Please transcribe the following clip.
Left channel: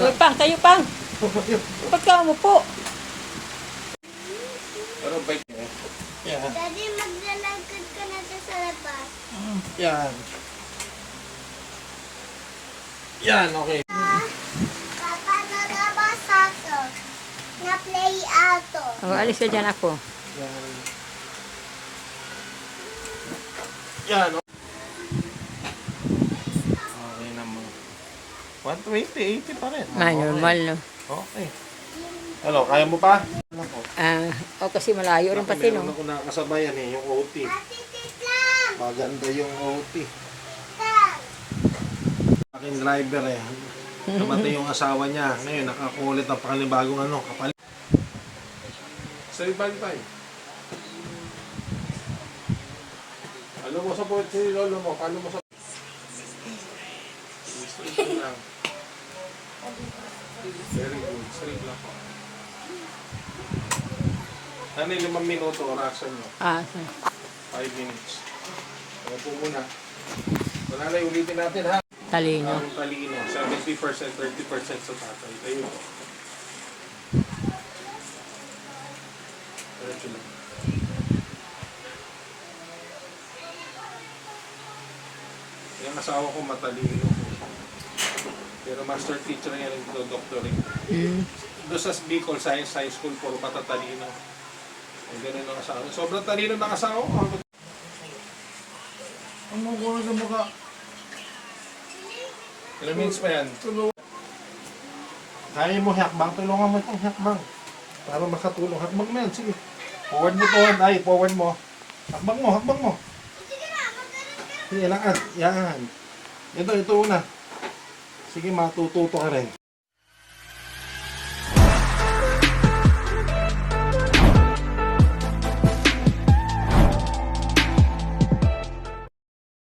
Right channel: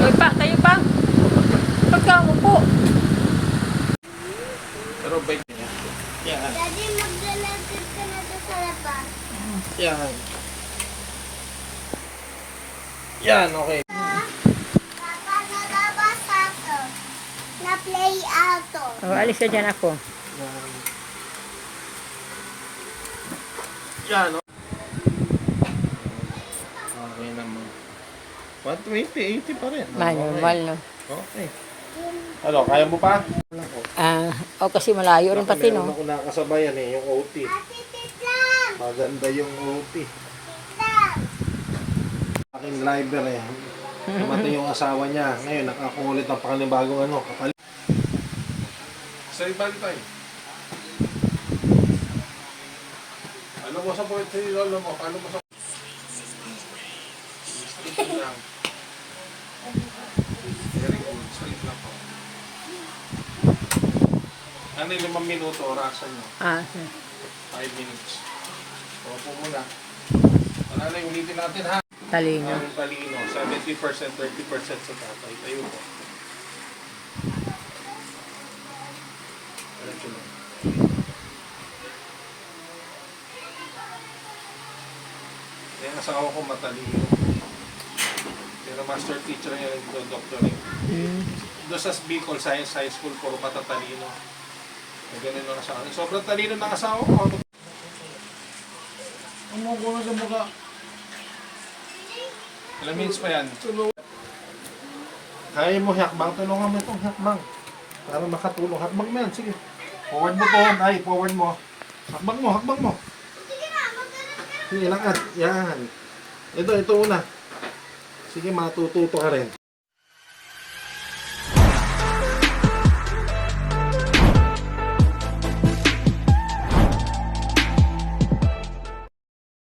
Tayo pa, tayo pa. Ba't ka umupo? Pero bait niya. Yan. Daddy, maglalagad ka na doon sa labas. Yan. Yan, okay. Papa, nalabas ako. Na-play auto. Oh, alis ka dyan ako. Yan. Yan, okay naman. 120, 80 pa rin. Normal, no? Okay. Ano, kaya mo pa? Kasi malayo rin pati, no? Meron ako nakasabayan yung OT. Ate, Titlan! Maganda yung OT. Titlan! Aking driver namatay yung asawa niya. Ngayon, nakakulit ng pakalibagong kapalit. Say bye tayo. Ano mo sa port si Lolo mo? Paano mo sa... Straight lang. Very good. Straight lang. Ano yung 5 minuto orasan nyo? 5 minutes. Upo muna. Wala na, ulitin natin ha. Talino. Ang talino. 70%, 30% sa tatay. Tayo po. Yung asawa ko matalino. Pero master teacher niya rin ito, doctor eh. Doon sa Bicol Science High School, puro patatalino. Ang ganun na sa akin. Sobrang talino ng asawa ko. Ang magulo sa mukha. Ilang minutes pa yan? Kaya mo hakbang, tulungan mo itong hakbang. Para makatulong. Hakbang mo yan, sige. Forward mo to, ay, forward mo. Hakbang mo, hakbang mo. Sige, lakad. Yan. Ito una. Sige, matututo ka rin.